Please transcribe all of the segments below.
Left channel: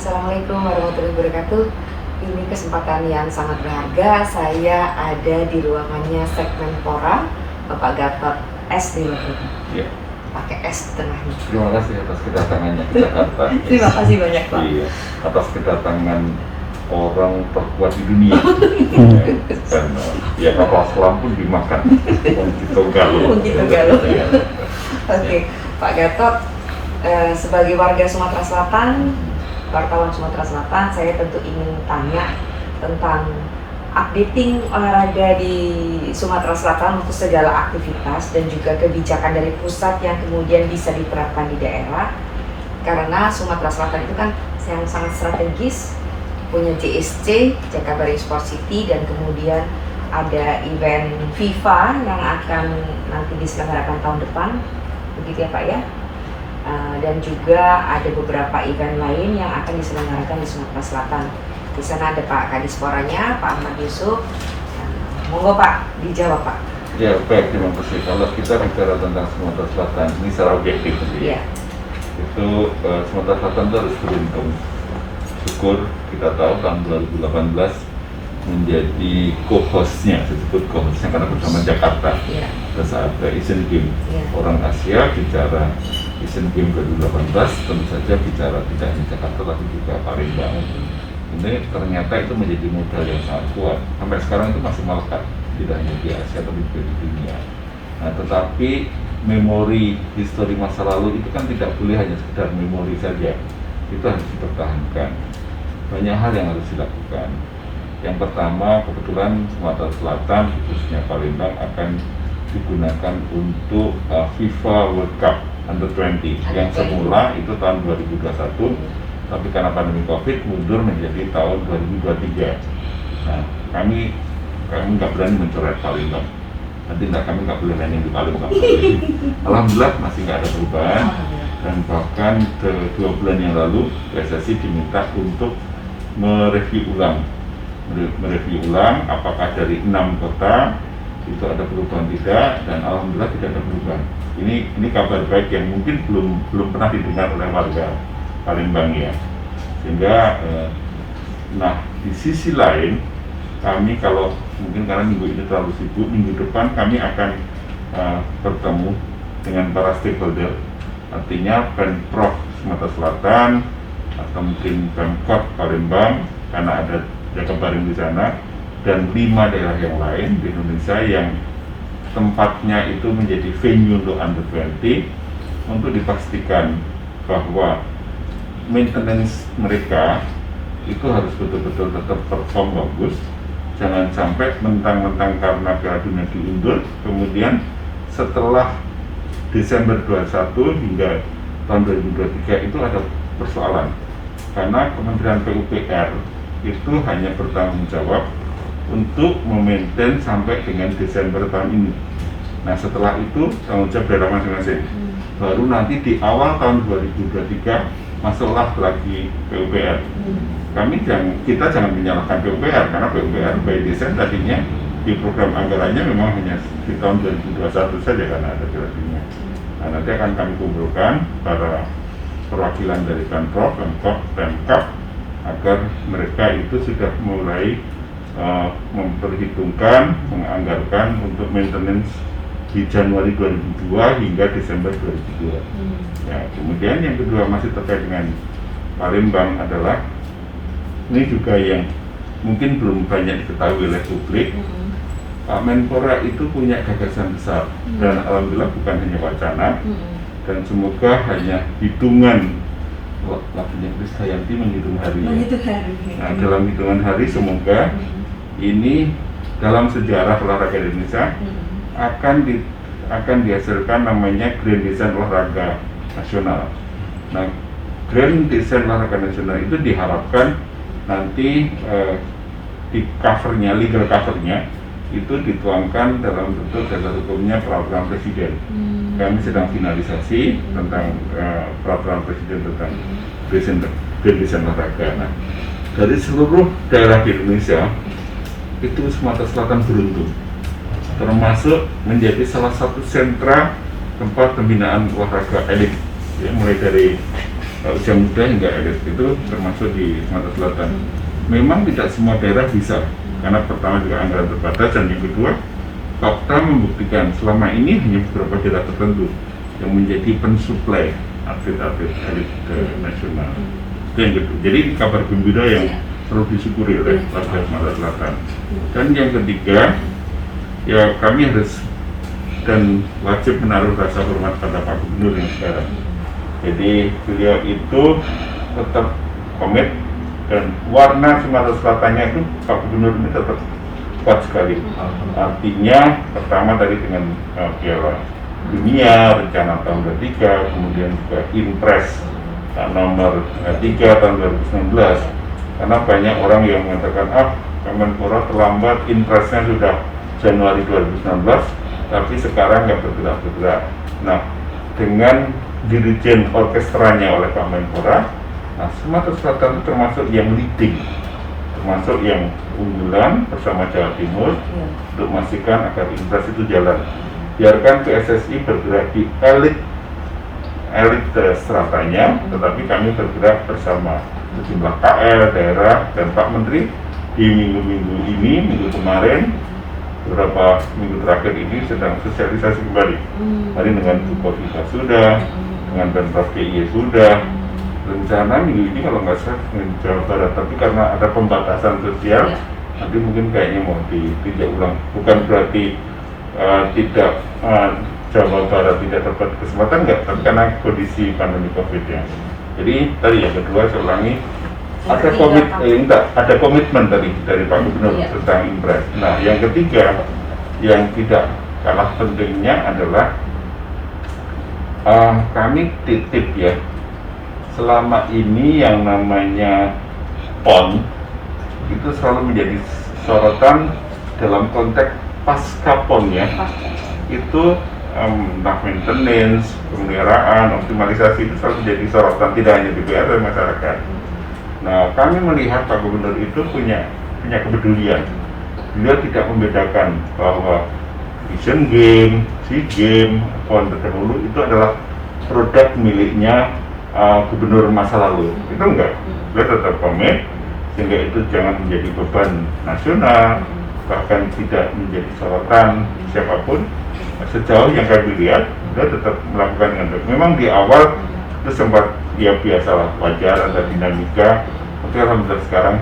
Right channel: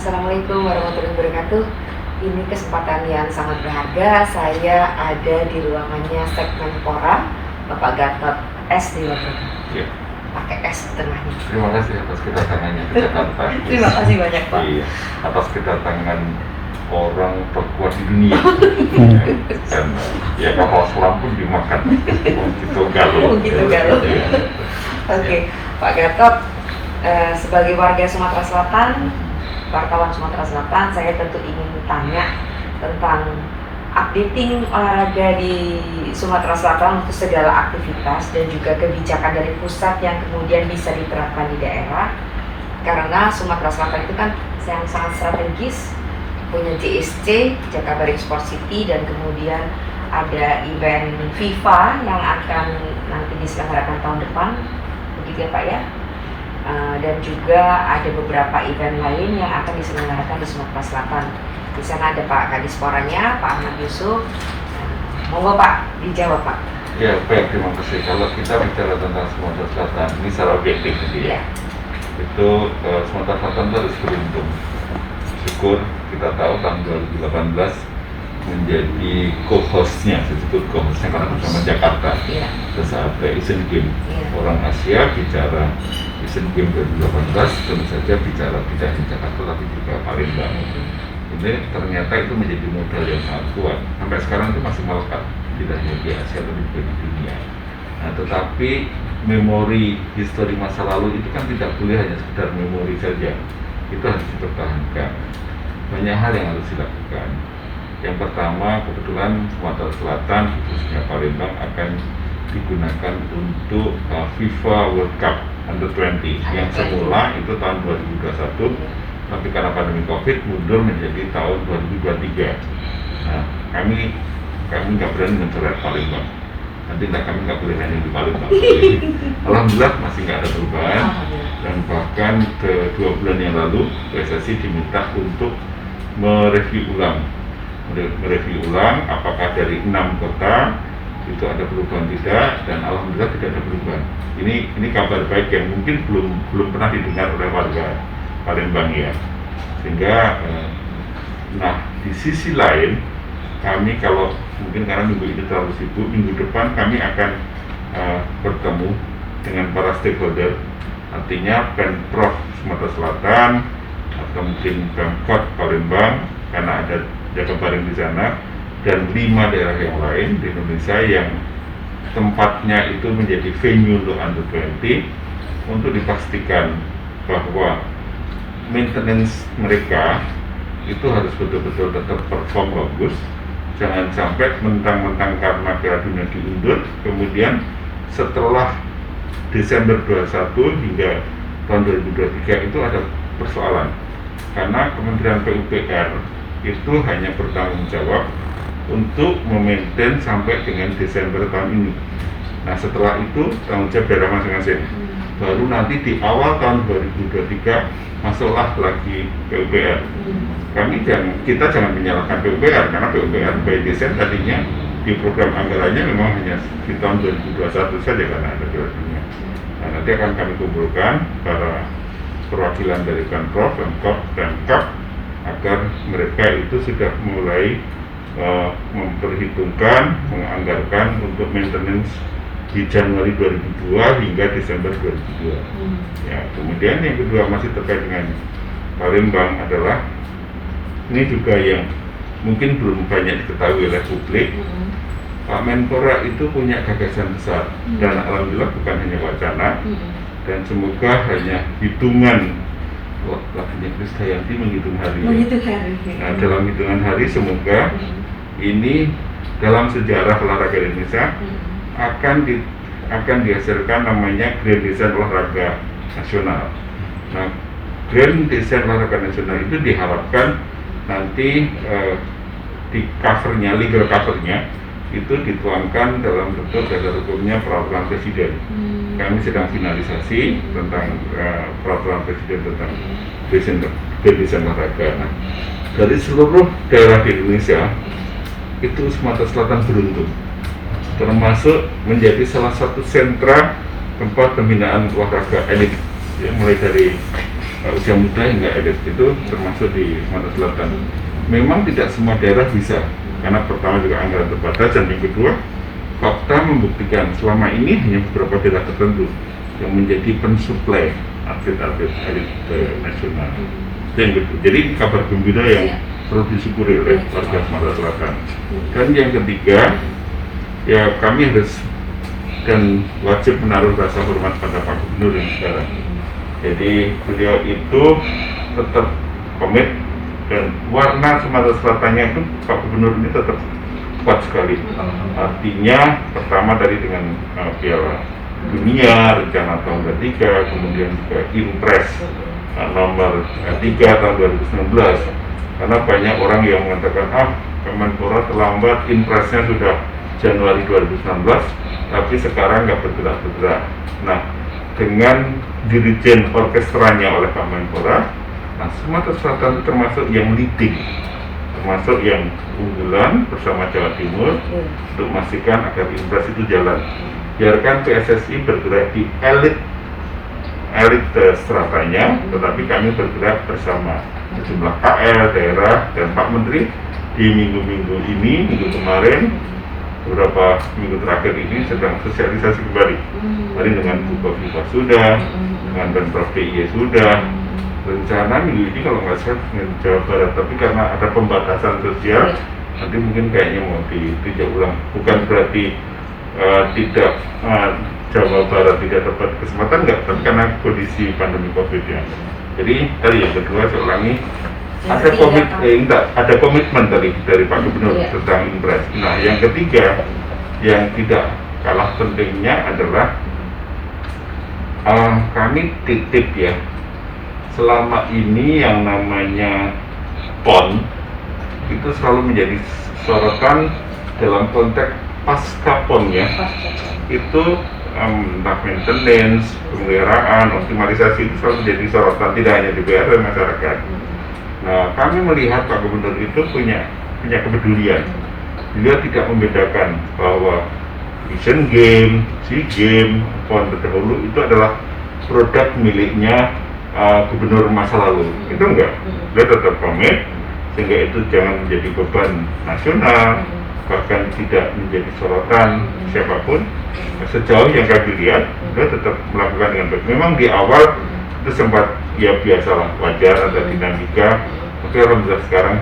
Assalamualaikum warahmatullahi wabarakatuh. Ini kesempatan yang sangat berharga. Saya ada di ruangannya Segmenpora, Bapak Gatot S. Dewabrata. Ya. Pakai S tengahnya. Terima kasih atas kedatangannya ke Jakarta. Terima kasih banyak, Pak. Iya, atas kedatangan orang terkuat di dunia. Dan ya kapal selam pun dimakan. Begitu galuh. Begitu galuh. Iya. Oke, Pak Gatot, sebagai warga Sumatera Selatan, wartawan Sumatera Selatan, saya tentu ingin tanya tentang updating olahraga di Sumatera Selatan untuk segala aktivitas dan juga kebijakan dari pusat yang kemudian bisa diterapkan di daerah. Karena Sumatera Selatan itu kan sangat strategis, punya JSC, Jakabaring Sport City, dan kemudian ada event FIFA yang akan nanti diselenggarakan tahun depan, begitu ya Pak ya? Dan juga ada beberapa event lain yang akan diselenggarakan di Sumatera Selatan. Di sana ada Pak Kadisporanya, Pak Ahmad Yusuf. Monggo Pak, dijawab Pak. Ya, baik, terima kasih. Kalau kita bicara tentang Sumatera Selatan, ini secara objektif nanti ya. Itu Sumatera Selatan itu harus beruntung. Syukur kita tahu tahun 2018 menjadi co-hostnya, disebut co-hostnya karena bersama Jakarta. Terus ada Asian Games. Orang Asia bicara Asian Games 2018 tentu saja bicara tidak hanya Jakarta tapi juga Palembang. Ini ternyata itu menjadi modal yang sangat kuat. Sampai sekarang itu masih melekat, tidak hanya di Asia tapi juga di dunia. Nah, tetapi memori histori masa lalu itu kan tidak boleh hanya sekedar memori saja. Itu harus dipertahankan. Banyak hal yang harus dilakukan. Yang pertama, kebetulan Sumatera Selatan, khususnya Palembang, akan digunakan untuk FIFA World Cup Under-20 yang semula itu tahun 2021, tapi karena pandemi COVID mundur menjadi tahun 2023. Nah, kami nggak berani mencoret Palembang. Nanti kami nggak boleh nanya di Palembang. Alhamdulillah masih nggak ada perubahan, dan bahkan ke 2 bulan yang lalu PSSI diminta untuk mereview ulang apakah dari 6 kota itu ada perubahan tidak, dan alhamdulillah tidak ada perubahan. Ini kabar baik yang mungkin belum pernah didengar oleh warga Palembang ya. Sehingga nah di sisi lain kami, kalau mungkin karena minggu ini terlalu sibuk, minggu depan kami akan bertemu dengan para stakeholder, artinya Pemprov Sumatera Selatan atau mungkin Pemkot Palembang karena ada Jakabaring di sana, dan 5 daerah yang lain di Indonesia yang tempatnya itu menjadi venue untuk Under-20, untuk dipastikan bahwa maintenance mereka itu harus betul-betul tetap perform bagus. Jangan sampai mentang-mentang karena Piala Dunia diundur, kemudian setelah Desember 21 hingga tahun 2023 itu ada persoalan. Karena Kementerian PUPR itu hanya bertanggung jawab untuk memaintain sampai dengan Desember tahun ini. Nah, setelah itu tanggung jawab daerah masing-masing. Baru nanti di awal tahun 2023 masuklah lagi PUPR. Kita jangan menyalahkan PUPR, karena PUPR by design tadinya di program anggarannya memang hanya di tahun 2021 saja karena ada Piala Dunia. Nah, nanti akan kami kumpulkan para perwakilan dari Pemprov, Pemkot, Pemkap agar mereka itu sudah mulai memperhitungkan, menganggarkan untuk maintenance di Januari 2002 hingga Desember 2002. Ya, kemudian yang kedua masih terkait dengan Palembang adalah ini juga yang mungkin belum banyak diketahui oleh publik. Pak Menpora itu punya gagasan besar dan alhamdulillah bukan hanya wacana, dan semoga hanya hitungan lagunya Krisdayanti menghitung hari. Nah, dalam hitungan hari semoga ini dalam sejarah olahraga Indonesia akan dihasilkan namanya Grand Design Olahraga Nasional. Nah, Grand Design Olahraga Nasional itu diharapkan nanti di covernya, legal covernya itu dituangkan dalam bentuk dasar hukumnya peraturan presiden. Kami sedang finalisasi tentang peraturan presiden tentang Grand Design Olahraga. Nah, dari seluruh daerah di Indonesia itu Sumatera Selatan beruntung, termasuk menjadi salah satu sentra tempat pembinaan olahraga elit, ya, mulai dari usia muda hingga elit itu termasuk di Sumatera Selatan. Memang tidak semua daerah bisa, karena pertama juga anggaran terbatas, dan yang kedua fakta membuktikan selama ini hanya beberapa daerah tertentu yang menjadi pensuplai atlet-atlet elit nasional. Itu yang kedua. Jadi kabar gembira yang perlu disyukuri oleh warga Sumatera Selatan. Dan yang ketiga, ya kami harus dan wajib menaruh rasa hormat pada Pak Gubernur yang sekarang. Jadi beliau itu tetap komit, dan warna Sumatera Selatannya itu Pak Gubernur ini tetap kuat sekali. Artinya pertama tadi dengan Piala Dunia rencana tahun 2023, kemudian juga Impres nomor 3 tahun 2019. Karena banyak orang yang mengatakan Kemenpora terlambat, Impresnya sudah Januari 2019, tapi sekarang nggak bergerak-bergerak. Nah, dengan dirijen orkestranya oleh Pak Menpora, nah Sumatera Selatan itu termasuk yang leading, termasuk yang unggulan bersama Jawa Timur untuk memastikan agar Impres itu jalan. Biarkan PSSI bergerak di elit stratanya, tetapi kami bergerak bersama sejumlah KL, daerah, dan Pak Menteri di minggu kemarin, beberapa minggu terakhir ini sedang sosialisasi kembali. Tadi dengan Bukoviva sudah, dengan Pemprov DIY sudah, rencana minggu ini kalau nggak salah dengan Jawa Barat, tapi karena ada pembatasan sosial, nanti mungkin kayaknya mau ditinjau ulang. Bukan berarti tidak Jawa Barat tidak dapat kesempatan, enggak, tapi karena kondisi pandemi COVID ya. Jadi tadi yang kedua saya ulangi, ada komitmen tadi dari Pak Gubernur tentang Impres. Nah yang ketiga yang tidak kalah pentingnya adalah kami titip ya, selama ini yang namanya PON itu selalu menjadi sorotan dalam konteks pasca PON ya. Itu maintenance, pemeliharaan, optimalisasi itu selalu menjadi sorotan, tidak hanya DPR dan masyarakat. Nah, kami melihat Pak Gubernur itu punya kepedulian. Beliau tidak membedakan bahwa Asian Games, SEA Games, PON terdahulu itu adalah produk miliknya gubernur masa lalu. Itu enggak. Beliau tetap komit sehingga itu jangan menjadi beban nasional, bahkan tidak menjadi sorotan siapapun. Sejauh yang kami lihat, beliau tetap melakukan dengan baik. Memang di awal itu sempat ya biasalah, wajar ada dinamika, tapi alhamdulillah sekarang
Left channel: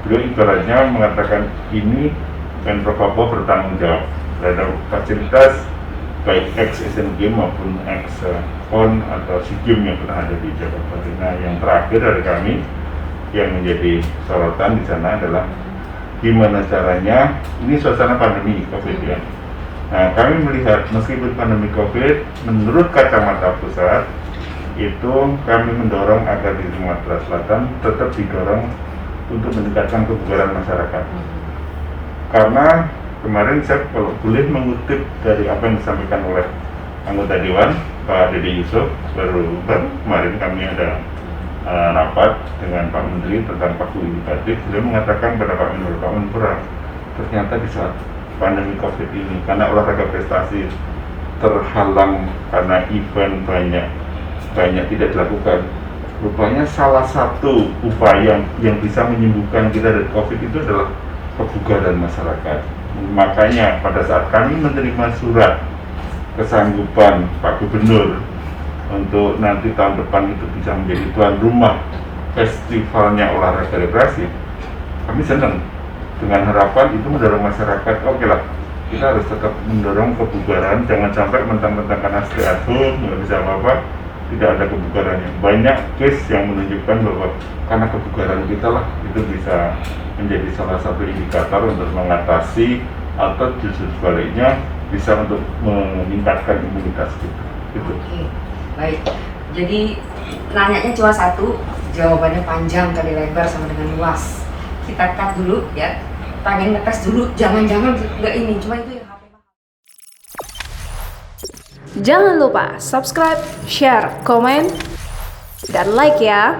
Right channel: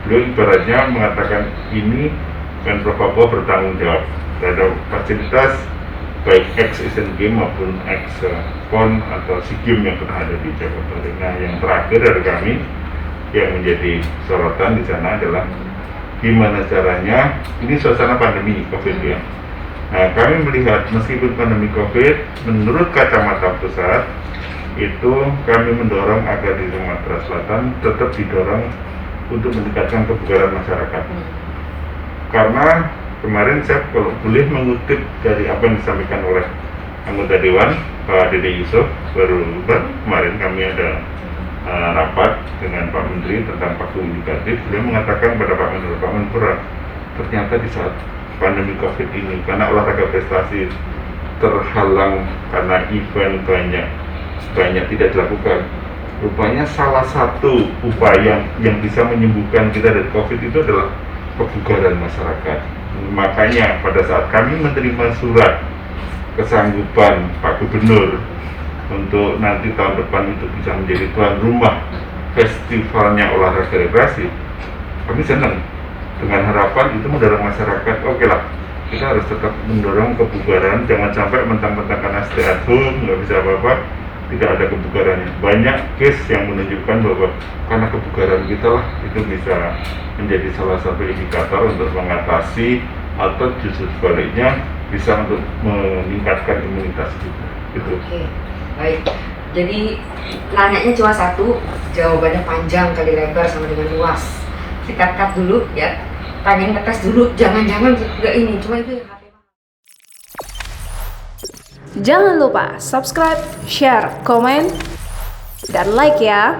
beliau ibaratnya mengatakan ini dan Papua bertanggung jawab terhadap fasilitas baik ex-Asian Games maupun ex-PON atau SEA Games yang pernah ada di Jakarta. Nah yang terakhir dari kami yang menjadi sorotan di sana adalah gimana caranya, ini suasana pandemi COVID ya. Nah kami melihat meskipun pandemi COVID, menurut kacamata pusat itu kami mendorong agar di Sumatera Selatan tetap didorong untuk meningkatkan kebugaran masyarakat. Karena kemarin saya kalau boleh mengutip dari apa yang disampaikan oleh anggota Dewan Pak Dede Yusuf, baru kemarin kami ada rapat dengan Pak Menteri tentang paku indikatif. Beliau mengatakan pada Pak Menpora, ternyata di saat pandemi COVID ini, karena olahraga prestasi terhalang karena event banyak tidak dilakukan, rupanya salah satu upaya yang bisa menyembuhkan kita dari COVID itu adalah kebugaran masyarakat. Makanya pada saat kami menerima surat kesanggupan Pak Gubernur untuk nanti tahun depan itu bisa menjadi tuan rumah festivalnya olahraga rekreasi, kami senang dengan harapan itu mendorong masyarakat. Oke lah, kita harus tetap mendorong kebugaran, jangan sampai mentang-mentang karena stay at home nggak bisa apa-apa, tidak ada kebugarannya. Banyak case yang menunjukkan bahwa karena kebugaran kita lah itu bisa menjadi salah satu indikator untuk mengatasi atau justru sebaliknya bisa untuk meningkatkan imunitas kita. Gitu. Oke, baik. Jadi nanyanya cuma satu, jawabannya panjang kali lebar sama dengan luas. Kita cut dulu ya. Pengen ngetes dulu, jangan-jangan juga ini, cuma itu yang HP. Jangan lupa subscribe, share, komen, dan like ya.